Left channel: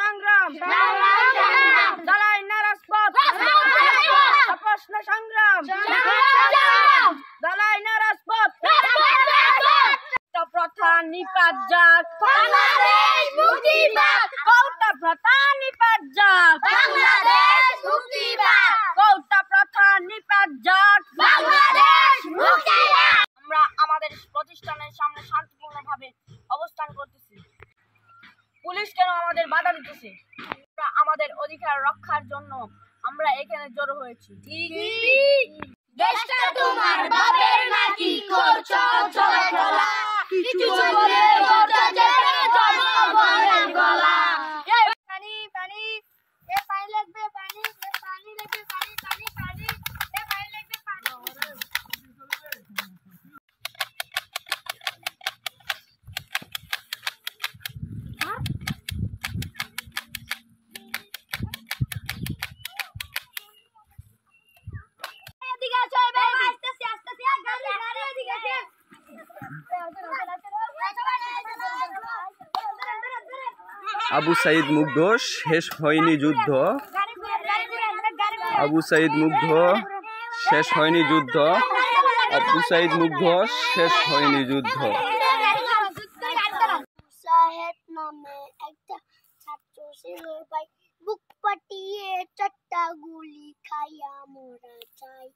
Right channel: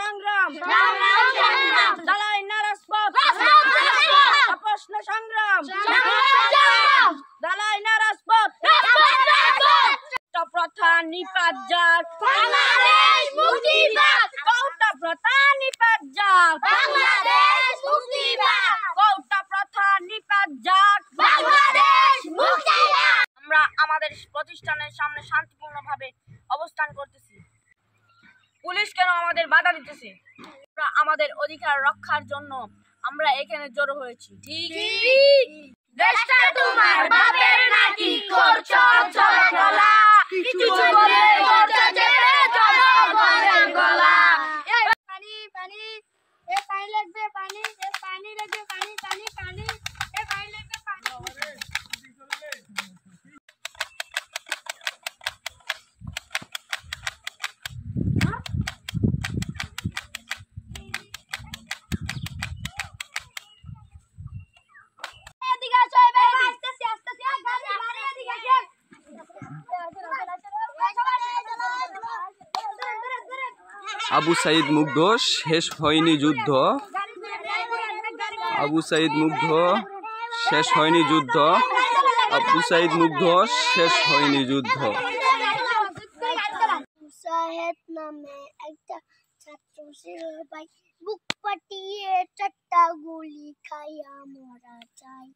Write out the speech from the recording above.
সংগ্রাম জ্বালায় না রাজপথ প্রশ্ন সংগ্রাম জ্বালায় না রাজপথ প্রথা নিপাত যাক বাংলাদেশ মুক্তি পাক কৌটা প্রথা নিপাত যাক বাংলাদেশ মুক্তি পাক কৌটা প্রথা নিপাত যাক বাংলাদেশ মুক্তি পাক আমরা আমাদের প্রতিষ্ঠানের সামনে শান্তিপূর্ণভাবে অবস্থান করতেছি। পুলিশ কেন আমাদের বাধা দিতেছে? আমরা আমাদের অধিকার রক্ষার জন্য আমরা এখানে জড়ো হয়েছি। ঠিক দেশটা তোমার বাপের নাকি করছো চলা কিছু বলে করছো চেপে জনগণের গলা পানি পানি এ পানি লাগবে পানি এ পানি লাগবে পানি পানি পানি এ পানি লাগবে পানি এদিকে আসো এবার আস্তে আস্তে গাড়ি গাড়ি এদিকে আসো আবু সাঈদ মুগ্ধ শেষ হয়নি যুদ্ধ। আবু সাঈদ মুগ্ধ শেষ হয়নি যুদ্ধ। আবু সাঈদ মুগ্ধ শেষ হয়নি যুদ্ধ। সাহেব নামে একটা ছাত্র ছিল ভাই বুক পাটিয়ে চারটা গুলি খাইয়া মরা চাই।